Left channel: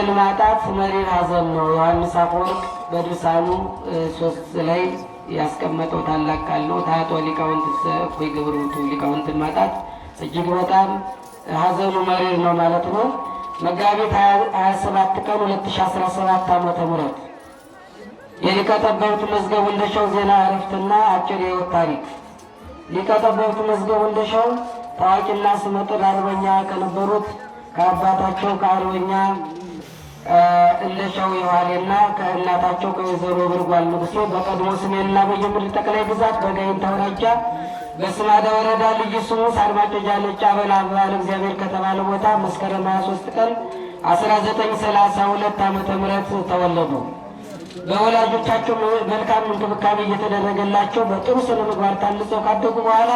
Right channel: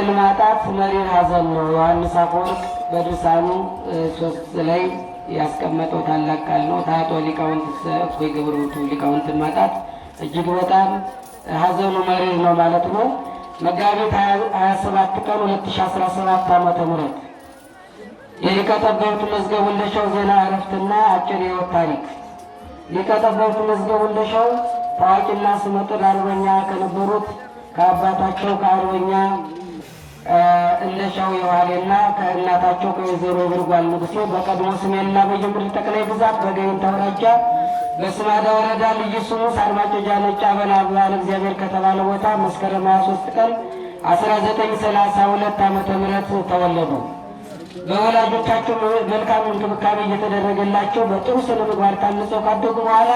ሊቅን ማጣት መሪር ሐዘን ነው። ዮሐንስ አፈወርቅ በድርሳኑ 3 ላይ ያስቀመጠው ታላቅ ቃል ነው። ታጦ ሊቃውንት እፎይ ግብሩቱ ሊቃውንትን ማጣት እጅግ በጣም ሐዘኑ መሪር ነው ማለት ነው። መጋቢት 27 ቀን 2017 ዓ.ም የሊቀ ጠበብት መዝገቡ እንደሻው ዜና ዕረፍትና አጭር የሕይወት ታሪክ። ሊቀ ጠበብት መዝገቡ እንደሻው ታዋቂና ስመጥር አርበኛ ከነበሩት ከአባታቸው ከአርበኛ እንደሻው የዋሌና ከእናታቸው ከወይዘሮ ብርጓል ንጉሴ በቀድሞ ሰሜንና በጌምድር ጠቅላይ ግዛት በጋይንት አውራጃ በስማዳ ወረዳ ልዩ ስሙ ሳድማጮ ጃለጫ በላል እግዚአብሔር ከተባለ ቦታ መስከረም 23 ቀን 1932 ዓ.ም ተወለዱ። በወላጆቻቸው መልካም እንክብካቤ እየተደረገላቸው በጥሩ ስነ ምግባር ታንጸው ካደጉ በኋላ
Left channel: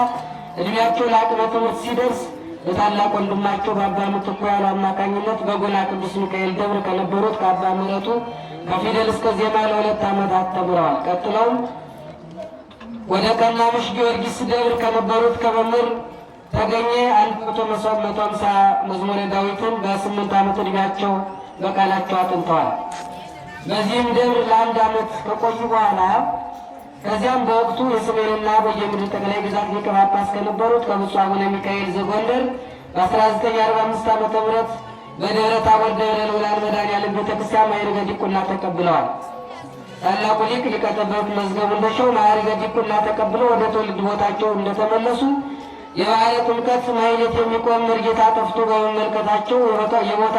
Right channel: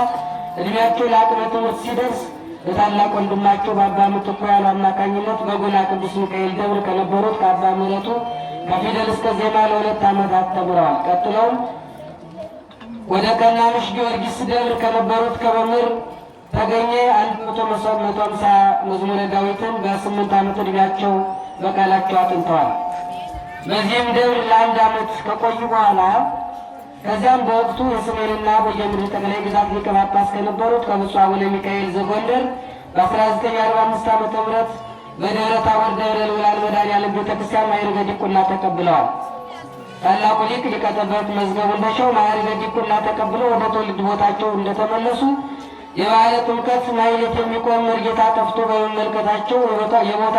እድሜያቸው ለአቅመ ትምህርት ሲደርስ በታላቅ ወንድማቸው በአባ ምትኩ ያሉ አማካኝነት በጎላ ቅዱስ ሚካኤል ደብር ከነበሩት ከአባ ምሕረቱ ከፊደል እስከ ዜማ ለ2 ዓመታት ተምረዋል። ቀጥለውም ወደ ቀናምሽ ጊዮርጊስ ደብር ከነበሩት ከመምህር ተገኘ 150 መዝሙረ ዳዊትን በ8 ዓመት ዕድሜያቸው በቃላቸው አጥንተዋል። በዚህም ደብር ለ1 ዓመት ከቆዩ በኋላ ከዚያም በወቅቱ የሰሜንና በጌምድር ጠቅላይ ግዛት ሊቀ ጳጳስ ከነበሩት ከብፁዕ አቡነ ሚካኤል ዘጎንደር በ1945 ዓ.ም በደብረ ታቦር ደብረ ልዑላን መድኃኔዓለም ቤተክርስቲያን ማዕርገ ዲቁና ተቀብለዋል። ታላቁ ሊቅ ሊቀ ጠበብት መዝገቡ እንደሻው ማዕርገ ዲቁና ተቀብለው ወደ ትውልድ ቦታቸው እንደተመለሱ የባሕረ ጥምቀት ማኅሌት የሚቆም መርጌታ ጠፍቶ በመመልከታቸው የቦታ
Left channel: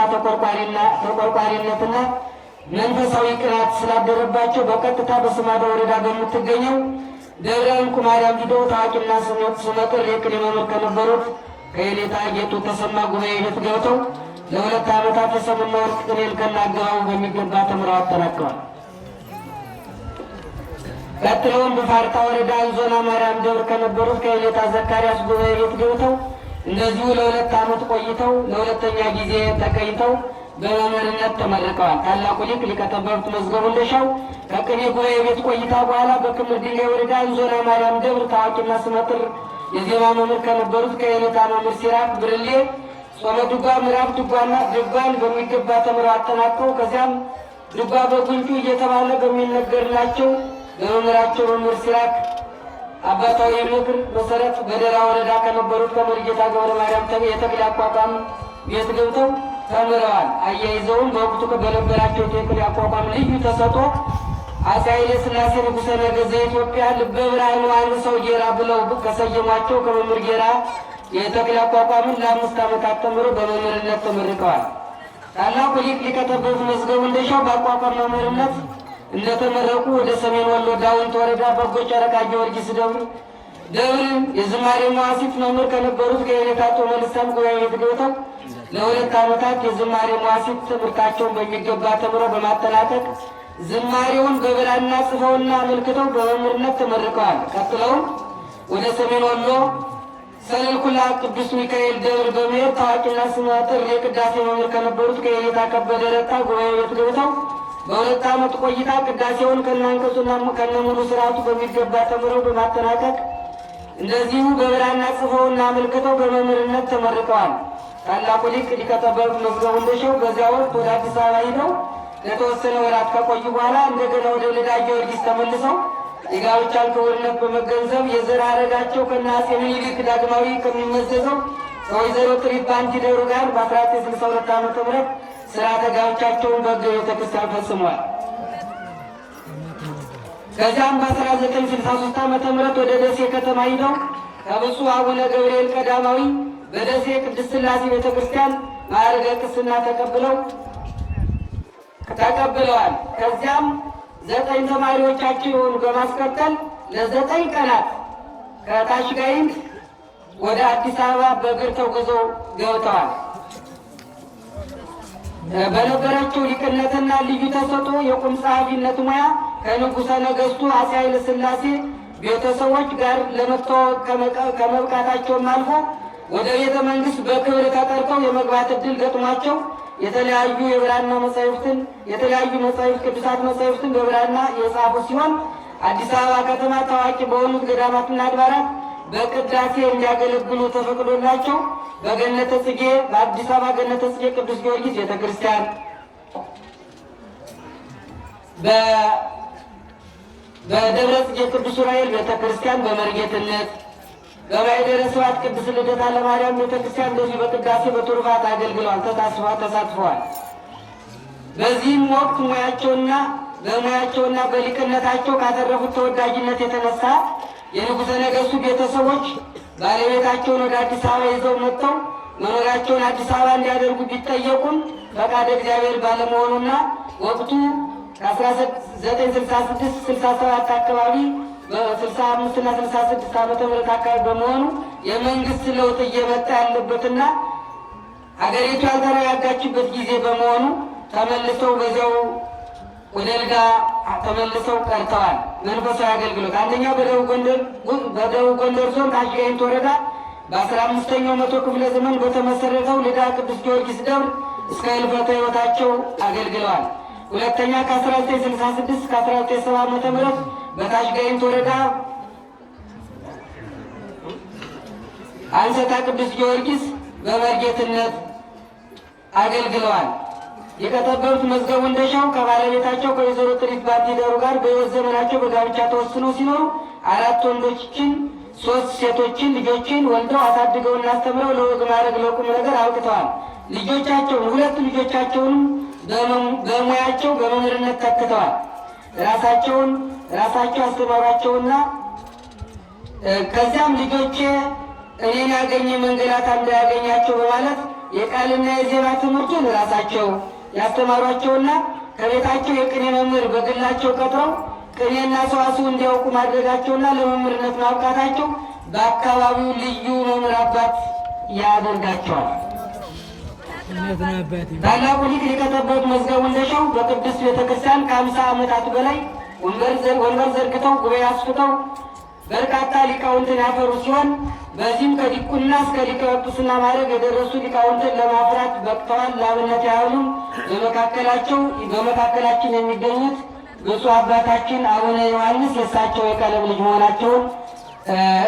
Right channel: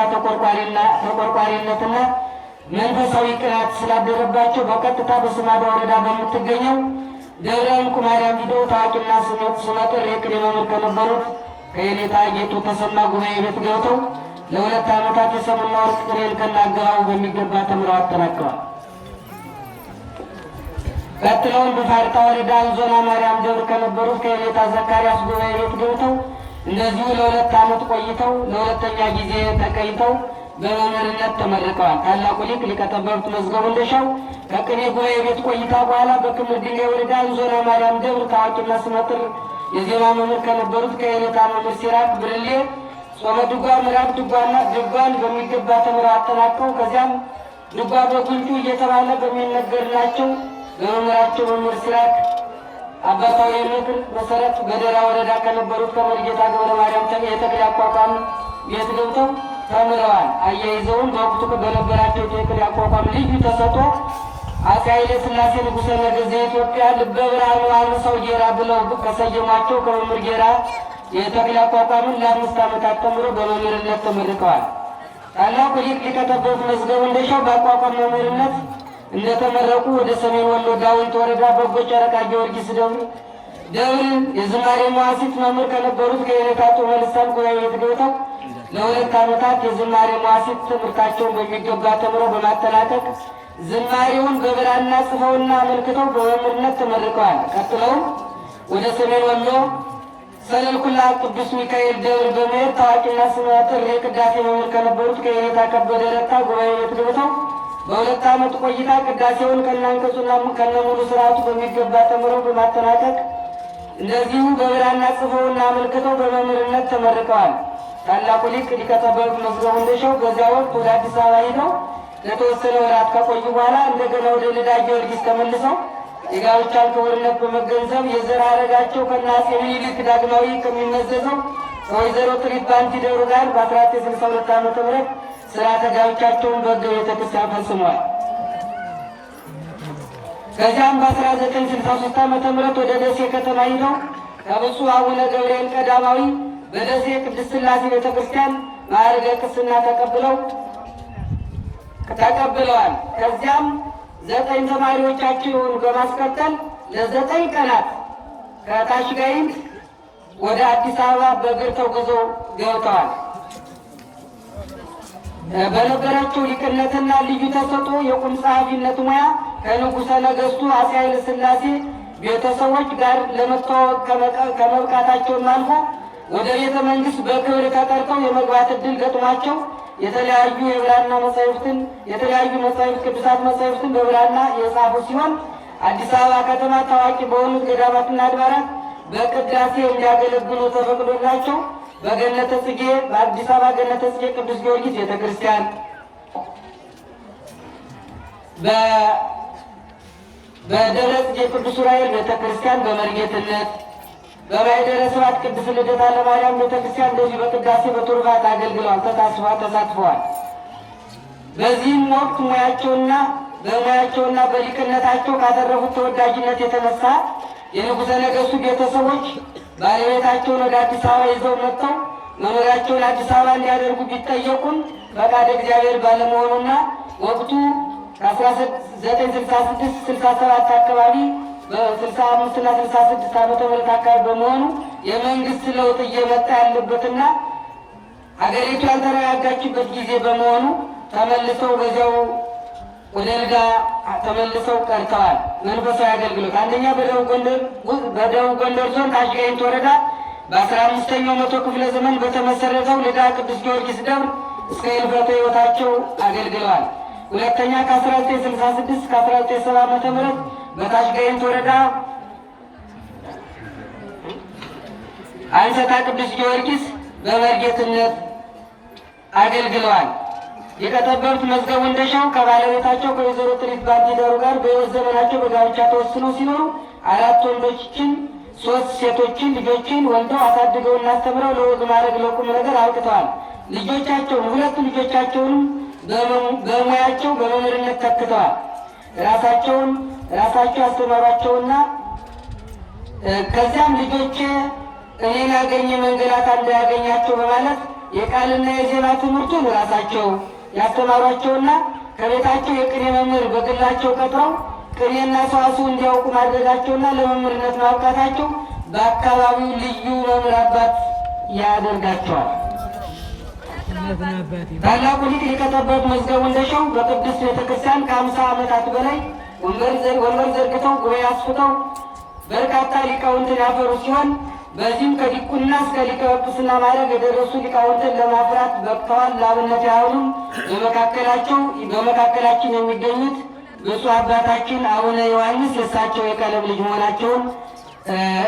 ተቆርቋሪነትና መንፈሳዊ ቅናት ስላደረባቸው በቀጥታ በስማዳ ወረዳ በምትገኘው ደብረ እንቁ ማርያም ሂደው ታዋቂና ስመጥር የቅኔ መምህር ከነበሩት ከየኔታ ጌጡ ተሰማ ጉባኤ ቤት ገብተው ለ2 ዓመታት የሰሙና ወርቅ ቅኔን ከናገባቡ በሚገባ ተምረው አጠናቅረዋል። ቀጥለውም በፋርጣ ወረዳ ዞና ማርያም ደብር ከነበሩት ከየኔታ ዘካርያስ ጉባኤ ቤት ገብተው እንደዚሁ ለ2 ዓመት ቆይተው ለሁለተኛ ጊዜ ተቀይተው በመምህርነት ተመርቀዋል። ታላቁ ሊቅ ሊቀ ጠበብት መዝገቡ እንደሻው ከቅኔ ጉባኤ ቤት ቆይታ በኋላ በክምር ድንጋይ ወረዳ ዞና ማርያም ደብር ታዋቂና ስመጥር የዜማ መምህር ከነበሩት ከየኔታ መምህር ሲራክ ብርሌ ጾመ ድጓ፣ ምዕራፍ ድጓና ድጓን በሚገባ ተምረው አጠናቀው ከዚያም ድጓ በጉንጩ እየተባለ በሚነገርላቸው በመምህራቸው መምህር ሲራክ አባታዊ ምክር መሰረት በደራ ወረዳ ከነበሩት ከመርጌታ ገብረ ማርያም የተክል አቋቋም ቤት ገብተው ተምረዋል። አያይዘውም በወቅቱ በነበራቸው የተክል አቋቋም ልዩ ተሰጥኦ አፄ ኃይለ ሥላሴ ንጉሠ ነገሥት ዘኢትዮጵያ ልበ ብርሃን ዮሐንሰው ጌራ ብለው ከሰየሟቸው ከመምህር ጌራ የተክል አቋቋምን ለ5 ዓመታት ተምረው በመምህርነት ተመርቀዋል። ታላቁ ሊቅ ሊቀ ጠበብት መዝገቡ እንደሻው በአቋቋም መምህርነት እንደተመረቁ ወደ ሰሜን ወሎ ዳውንት ወረዳ በጎ ጨረቃ ጊዮርጊስ ደብር የዝማሬ መዋሥዕት መምህር ከነበሩት ከየኔታ ጾመ ልሳን ጉባኤ ቤት ገብተው ለ2 ዓመታት የዝማሬ መዋሥዕት ትምህርታቸውን በሚገባ ተምረው በማጠናቀቅ ዝማሬውን በብራና ጽፈውና አመልክተው በመምህርነት ተመርቀዋል። ቀጥለውም ወደ ሰሜን ወሎ ሰለልኩላ ቅዱስ ሚካኤል ደብር በመሄድ ታዋቂና ስመጥር የቅዳሴ መምህር ከነበሩት ከየኔታ ከበደ ረታ ጉባኤ ቤት ገብተው በ2 ዓመት ቆይታ ቅዳሴውን ከነአንቀጹና ከነሙሉ ስርዓቱ በሚገባ ተምረው በማጠናቀቅ እንደዚሁ በብራና ጽፈውና አመልክተው በመምህርነት ተመርቀዋል። ታላቁ ሊቅ ሊቀ ጠበብት መዝገቡ እንደሻው በዚያ ወቅት ወደ አዲስ አበባ ሂደው ለተወሰነ ወራት ከቆዩ በኋላ እንደገና ወደ ልዳ ጊዮርጊስ ተመልሰው የጋብቻን ክቡርነት በመገንዘብ የዘር ሐረጋቸው ከአፄ ምኒልክ ዳግማዊ ከሚመዘዘው ከወይዘሮ ትሪባንቲ ደብሩ ጋር በ1962 ዓ.ም ሥርዓተ ጋብቻቸውን በሕገ ቤተክርስቲያን ፈጽመዋል። ከዚያም በ1963 ዓ.ም ወደ ደሴ ከተማ ሂደው ከብፁዕ አቡነ ገብርኤል ቀዳማዊ በደሴ ቅድስት ሥላሴ ቤተክርስቲያን ማዕርገ ቅስና ተቀብለዋል። ከዚያም 9 ተማሪዎቻቸውን በማስከተል ለ9 ቀናት ከታች ጋይንት ወደ አዲስ አበባ በእግር ተጉዘው ገብተዋል። በነበራቸው ሊቅነትና ልዩ ተሰጥኦ የቁም ጸሐፊነት ሙያ ከንጉሠ ነገሥቱ አፄ ኃይለ ሥላሴ ቤተሰቦች ጋር ለመተዋወቅ ከመብቃታቸውም አልፎ ወደ ቤተ መንግሥት በክብር ተጠርተው የመግባት ዕድል ገጥሟቸው የተለያዩ የብራና መጻሕፍትን ቅዱሳት መጻሕፍትን በብራና የጻፉ ሲሆን አዲስ አበባ ከተማ ታዋቂ በሆኑት ገዳማትና አድባራት በቅዳሴ እንዲያገለግሉ ተፈቅዶላቸው በገነተ ጽጌ በአዲስ አበባ ገነተ ጽጌ ቅዱስ ጊዮርጊስ ቤተክርስቲያን፣ በደብረ ጽጌ ቅዱስ ዑራኤል ቤተክርስቲያን በመርጌትነት፣ በማኅደረ ስብሐት ቅድስት ልደታ ለማርያም ቤተክርስቲያን እንደዚሁ በቅዳሴ በቱርፋት አገልግለዋል፣ ተሳትፈዋል። በዚህም ወቅት በሙያቸውና በሊቅነታቸው ካተረፉት ተወዳጅነት የተነሳ የንጉሠ ነገሥቱ ቤተሰቦች ባለቤታቸውን ወደ አዲስ አበባ ይዘው መጥተው መኖሪያቸውን አዲስ አበባ እንዲያደርጉ ቢጠየቁም ፈቃደ እግዚአብሔር ባለመሆኑና ወቅቱ ከ1966-67 አካባቢ በ65 እና 66 ዓመተ ምህረት አካባቢ በመሆኑ የመንግስት ለውጥ እየመጣ ያለበትና ሀገሪቱ ያልተረጋጋችበት ጊዜ በመሆኑ ተመልሰው በዚያው ወደ ልዳ ተመልሰው ቀርተዋል። መንፈሳዊ አገልግሎት አንደኛው በደቡብ ጎንደር ዞን ታች ጋይንት ወረዳ በ15ኛው መቶ ክፍለ ዘመን በተመሰረተው ልዳ ቅዱስ ጊዮርጊስ ደብር እስከ ሕልፈተ ሕይወታቸው አገልግለዋል። ሁለተኛ ከ1966-1970 ዓመተ ምህረት በታች ጋይንት ወረዳ አንሰታ ቅዱስ ጊዮርጊስ በመርጌትነት አገልግለዋል። የከተበሩት መዝገቡ እንደሻው ከባለቤታቸው ከወይዘሮ ጥሪት ባንዲደሩ ጋር በሕይወት ዘመናቸው በጋብቻ ተወስኖ ሲኖሩ 4 ወንዶችን 3 ሴቶችን ልጆችን ወልደው አሳድገውና አስተምረው ለወግ ማዕረግ ለቁም ነገር አውጥተዋል። ሁለቱ ልጆቻቸውን በሙያቸው በመምህርነት ተክተዋል። ራሳቸው ያስተማሯቸውና ከዚያም ልጆቼ እኔን ያገኘ መንገላታ እንዳያገኛቸው በማለት የቃልና የዜማ ትምህርቱን ራሳቸው ያስተማሯቸውና ከቤታቸው የቅኔ መምህር በግላቸው ቀጥረው ቅኔና ሰዋስው እንዲያውቁ ማድረጋቸውና ለመምህርነት ማብቃታቸው በአካባቢው ልዩ መምህር አባት ያደርጋቸዋል። ታላቁ ሊቅ ሊቀጠበብ መዝገቡ እንደሻው በቅድስት ቤተክርስቲያን ከ50 ዓመታት በላይ ወንበር ዘርግተው ጉባኤ አስፍተው በርካታ ሊቃውንትን ያፈሩ ሲሆን በዚህም ከዲቁና እስከ ሊቀ ጵጵስና ማዕረግ የደረሱ ሊቃውንትን ለማፍራት በቅተዋል። ለአብነት ያህሉም በመካከላችን የሚገኙት ብፁዕ አባታችን አቡነ ዮሐንስ የእሳቸው የቀለብ ልጅ መሆናቸውን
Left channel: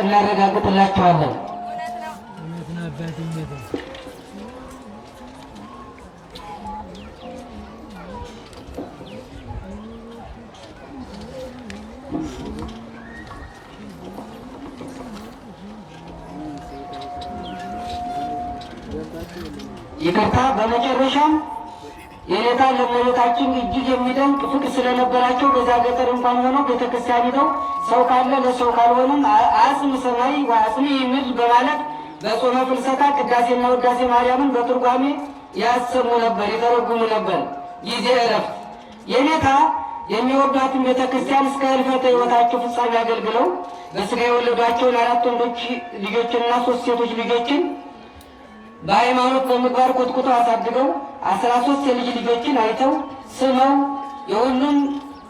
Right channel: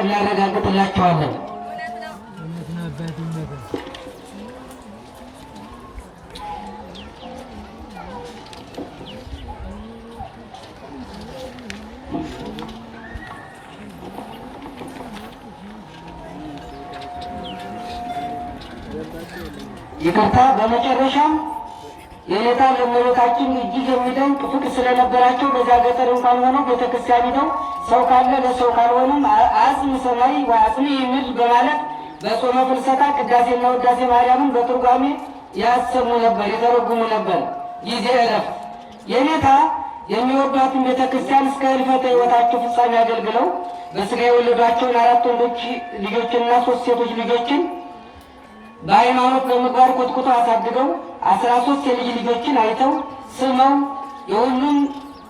እናረጋግጥላቸዋለን። ይቅርታ። በመጨረሻም የኔታ ለእመቤታችን እጅግ የሚደንቅ ፍቅር ስለነበራቸው በዛ ገጠር እንኳን ሆነው ቤተክርስቲያን ሂደው ሰው ካለ ለሰው ካልሆነም አጽም ሰማይ ወአጽም ምድር በማለት በጾመ ፍልሰታ ቅዳሴና ውዳሴ ማርያምን በትርጓሜ ያሰሙ ነበር፣ የተረጉሙ ነበር። ጊዜ እረፍት የኔታ የሚወዷትን ቤተክርስቲያን እስከ ሕልፈተ ሕይወታቸው ፍጻሜ አገልግለው በሥጋ የወለዷቸውን 4 ወንዶች ልጆችንና 3 ሴቶች ልጆችን በሃይማኖት በምግባር ኮትኩተው አሳድገው 13 የልጅ ልጆችን አይተው ስመው የሁሉም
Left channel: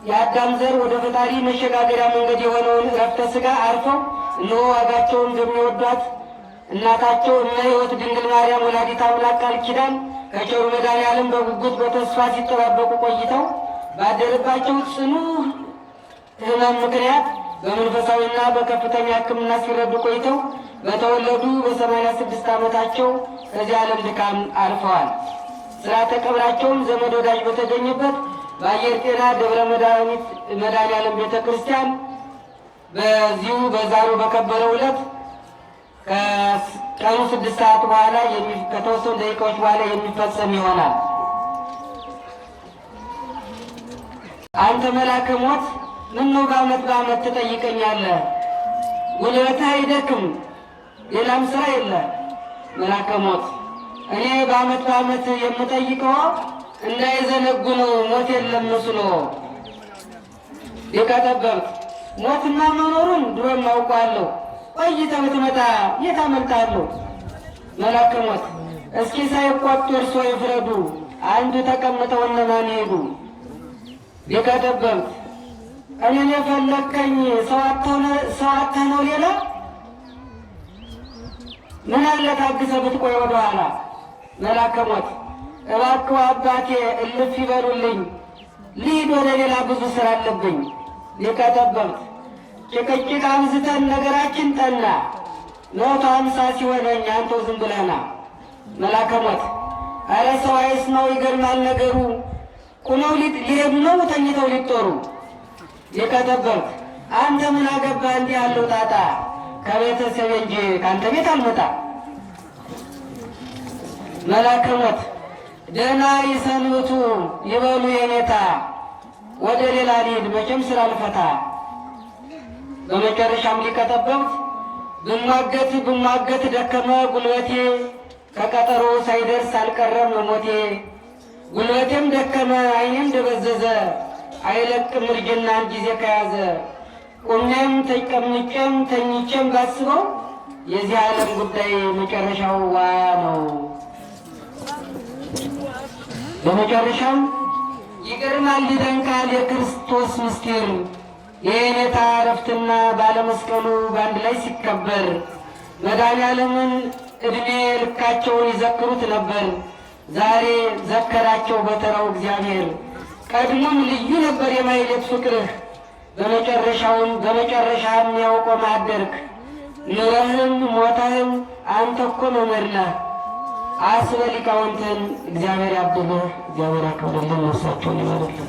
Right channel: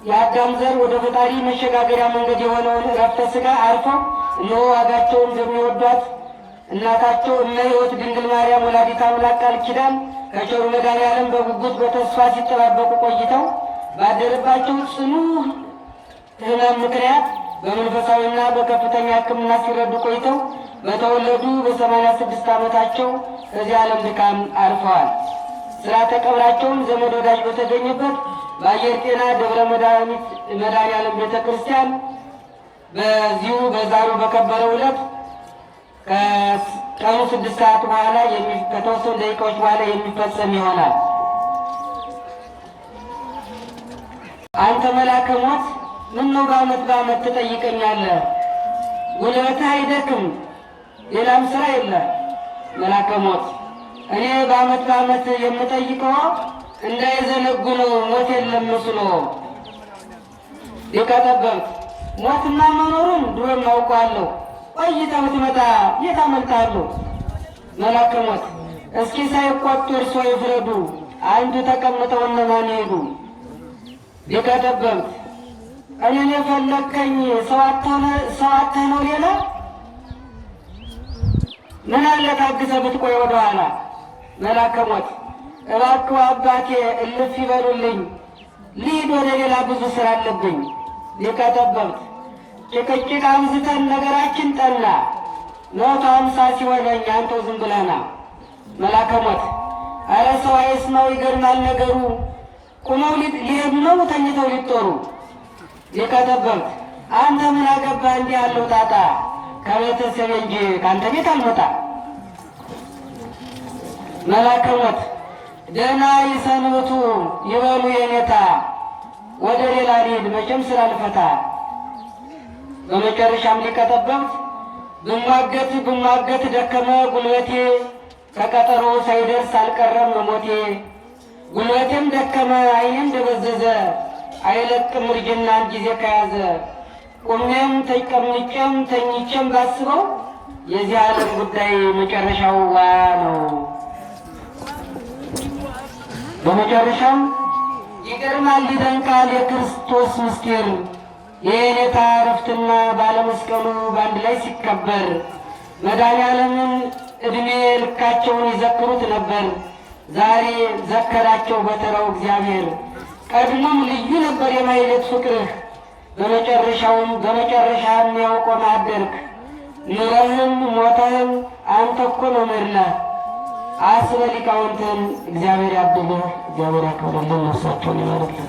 የአዳም ዘር ወደ ፈጣሪ መሸጋገሪያ መንገድ የሆነውን ዕረፍተ ሥጋ አርፈው እነሆ ዋጋቸውን እንደሚወዷት እናታቸው እመሕይወት ድንግል ማርያም ወላዲተ አምላክ ቃል ኪዳን ከቸሩ መድኃኔዓለም በጉጉት በተስፋ ሲጠባበቁ ቆይተው ባደረባቸው ጽኑ ሕመም ምክንያት በመንፈሳዊና በከፍተኛ ሕክምና ሲረዱ ቆይተው በተወለዱ በ86 ዓመታቸው ከዚህ ዓለም ድካም አርፈዋል። ሥርዓተ ቀብራቸውም ዘመድ ወዳጅ በተገኘበት በአየር ጤና ደብረ መድኃኔዓለም ቤተ ክርስቲያን በዚሁ በዛሬው በከበረው ዕለት ከቀኑ 6 ሰዓት በኋላ ከተወሰኑ ደቂቃዎች በኋላ የሚፈጸም ይሆናል። አንተ መልአከ ሞት ምነው በዓመት ትጠይቀኛለህ? ጉልበትህ አይደክም፣ ሌላም ስራ የለ። መልአከ ሞት እኔ በዓመት የምጠይቀው እንዳይዘነጉ ነው፣ ሞት የለም መስሎ። ሊቀ ጠበብት ሞትማ መኖሩን ድሮም አውቃለሁ፣ ቆይተህ ብትመጣ የት አመልጣለሁ? መልአከ ሞት እስኪ ሳይቆጡ እርሶ ይፍረዱ፣ አንዱ ተቀምጠው እነማን ሄዱ? ሊቀ ጠበብት እኔን የፈለከኝ ሰው አጥተህ ነው ሌላ? ምን አለ ታግሰህ ብትቆይ ወደኋላ? መልአከ ሞት እባክህ አባቴ እልፍ ይበሉልኝ፣ ልሂድ ወደ ሌላ ብዙ ስራ አለብኝ። ሊቀ ጠበብት ጭቅጭቅ አብዝተን ነገራችን ጠና፣ 150 ሲሆነኝ አንተው ዝም ብለና። መልአከ ሞት ኧረ ሰው አይስማው ይገርማል ነገሩ፣ ቁመው ሊሄዱ ነው ተኝተው ሊጦሩ የቀጠበሩት። አንተ ምን አገባህ እንዲህ ያለው ጣጣ? ከቤተሰብ እንጂ ከአንተ ቤት አልመጣ። መልአከ ሞት ደህና ይሰንብቱ ይበሉ የኔታ፣ ወደ ሌላ ልሂድ መቼም ስላልፈታ። በመጨረሻም ሊቀጠበብት ብሟገት ደከመ ጉልበቴ፣ ከቀጠሮ ሳይደርስ አልቀረም ሞቴ። ጉልበቴም ደከመ ዓይኔም ደበዘዘ፣ አይለቅም እርጅናን ጊዜ ከያዘ። ቁሜም ተቀምጬም ተኝቼም ባስበው የዚህ ዓለም ጉዳይ መጨረሻው ዋ ነው። በመጨረሻም ይገርማል ይደንቃል የክርስቶስ ምስጢር፣ የኔታ ዕረፍትና ባለመስቀሉ በአንድ ላይ ሲከበር። መድኃኔዓለምን ዕድሜ ልካቸውን ይዘክሩት ነበር፣ ዛሬ ዘከራቸው በተራው እግዚአብሔር። ቀድሞም ልዩ ነበር የማይለት ፍቅርህ፣ በመጨረሻም ያውቆ ማደርክ። ኑረህም ሞተህም አንተ እኮ መምህር ነህ። አስበ ሊቃውንትን እግዚአብሔር ያብብህ፣ እግዚአብሔር ያክብርልን፣ ነፍሳቸውን ይመርልን።